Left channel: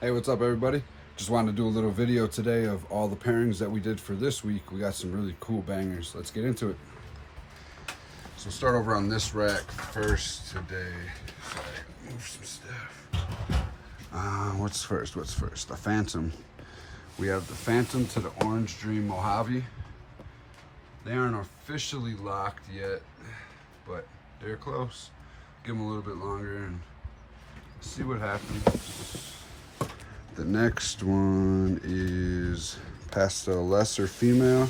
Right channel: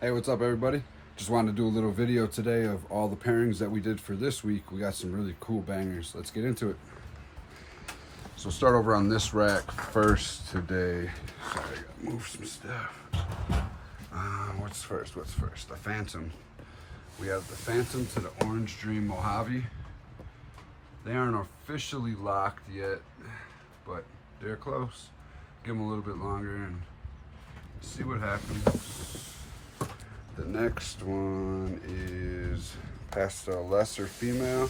Hey, what's up everybody? Just wanted to do a little video today of all the pairings that we did for this week. We got some really cool bangers. Let's get into it. So start over on this rack first today. Sorry, I gotta move some stuff. What's first? The Phantom. We have the Phantom to the Orange Dream Mojave. They aren't officially locked yet, but they're close. Give them a little bit longer and see what happens. The next one is Pastel Lesser Female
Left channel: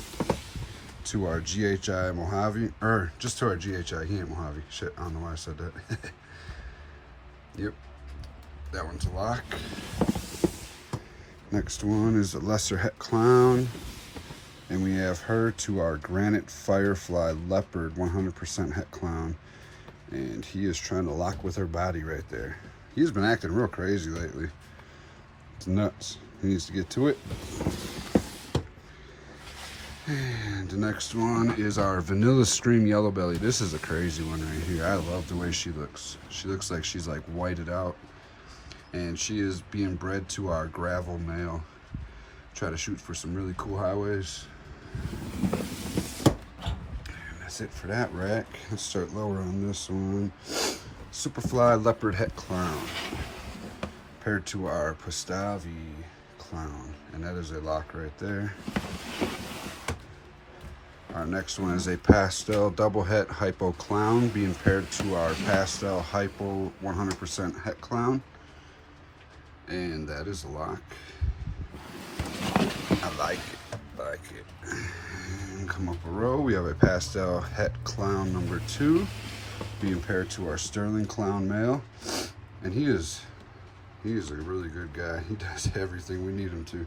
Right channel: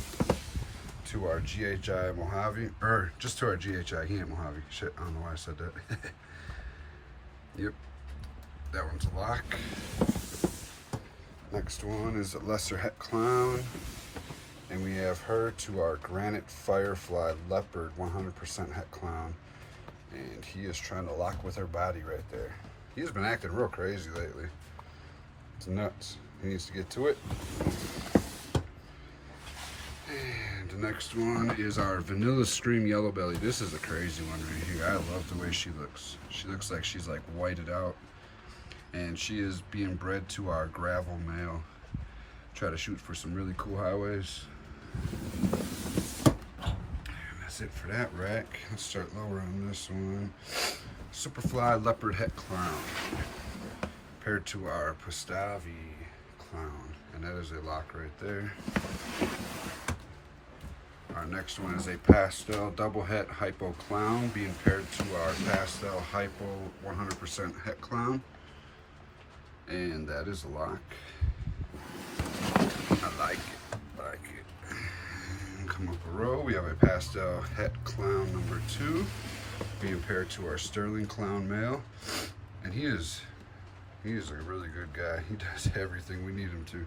to our GHI Mojave, or just to our GHI, he ain't Mojave. Shit, I don't know why I said that. Yep, that one's a lock. Next one is a Lesser Het Clown, and we have her to our Granite Firefly Leopard 100% Het Clown, and he is trying to lock with her body right there. He's been acting real crazy lately. It's nuts. He needs to get to it. And the next one is our Vanilla Stream Yellow Belly. This is a crazy one right here. I love the way she looks. She looks like she's like whited out. And she is being bred to our Gravel Male. Try to shoot for some really cool highways. And that's it for that rack. Let's start lower on this one. Superfly Leopard Het Clown. Paired to our Pastavi Clown, and that is a lock right there. Our next one is a Pastel Double Het Hypo Clown being paired to our Pastel Hypo 100% Het Clown, and that is a lock. I like it. And come up a row, we have a Pastel Het Clown number 2 being paired to our Sterling Clown Male, and he is a really good guy. He does everything we need him to.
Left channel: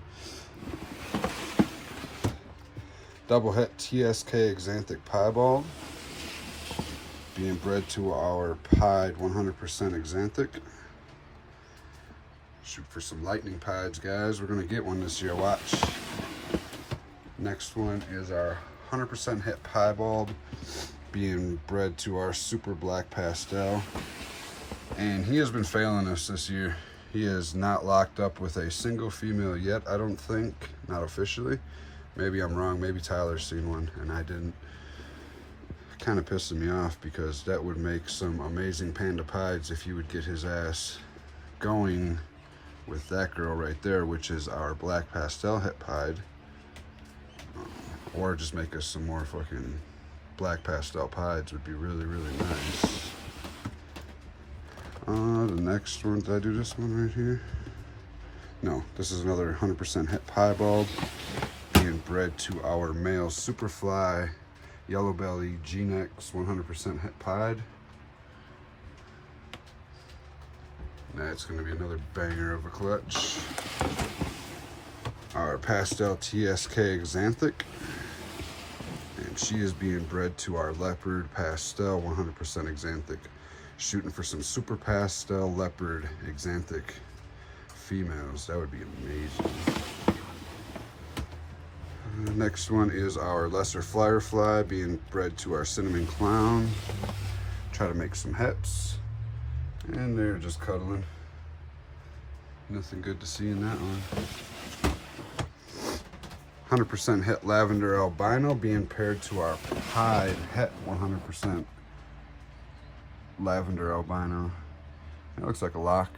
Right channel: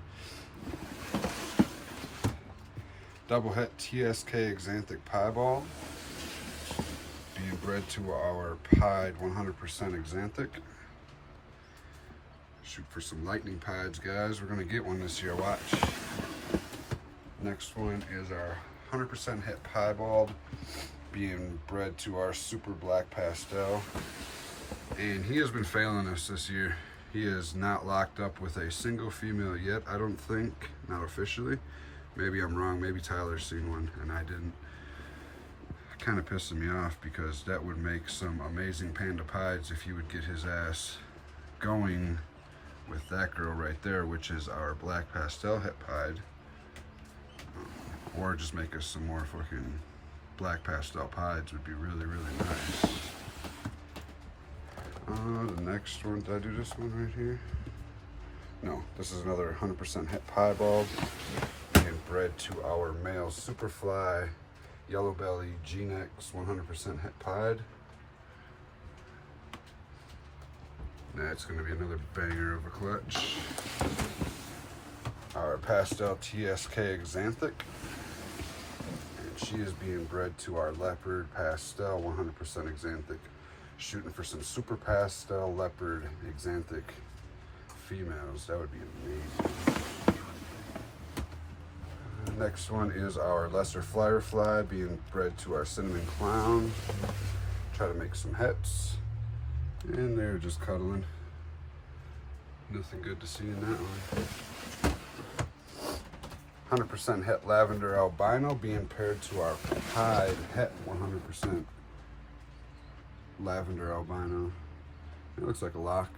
Double Het TSK Xanthic Piebald being bred to our Pied 100% Xanthic. Shoot for some lightning pieds, guys. We're gonna get one this year, watch. Next one is our 100% Het Piebald being bred to our Super Black Pastel. And he has been failing us this year. He is not locked up with a single female yet, I don't think. Not officially. Maybe I'm wrong. Maybe Tyler's seen one and I didn't. Kind of pissing me off because that would make some amazing panda pieds if he would get his ass going with that girl right there, which is our Black Pastel Het Pied. Or just make us some more fucking Black Pastel pieds would be really, really nice. The next one, did I do this one right here? No, this is another 100% Het Piebald being bred to our male Superfly Yellow Belly G-Nex 100% Het Pied. That's going to be another banger of a clutch. Our Pastel TSK Xanthic, and she is being bred to our Leopard Pastel 100% Xanthic. Shooting for some Super Pastel Leopard Xanthic females. That would be amazing. The next one is our Lesser Firefly being bred to our Cinnamon Clown. Try to make some hets. And they're just cuddling. Nothing good to see in that one. 100% Het Lavender Albino being paired to our Pied Het 100% Lavender Albino. It looks like a lock.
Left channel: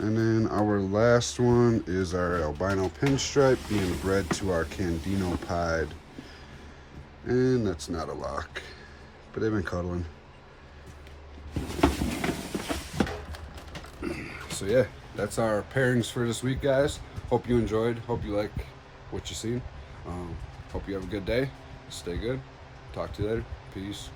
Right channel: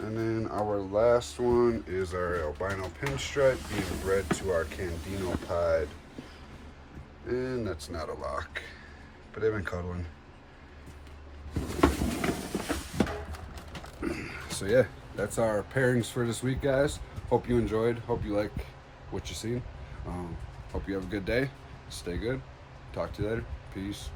And then our last one is our Albino Pinstripe being bred to our Candino Pied. And that's not a lock, but they've been cuddling. So yeah, that's our pairings for this week, guys. Hope you enjoyed. Hope you like what you seen. Hope you have a good day. Stay good. Talk to you later. Peace.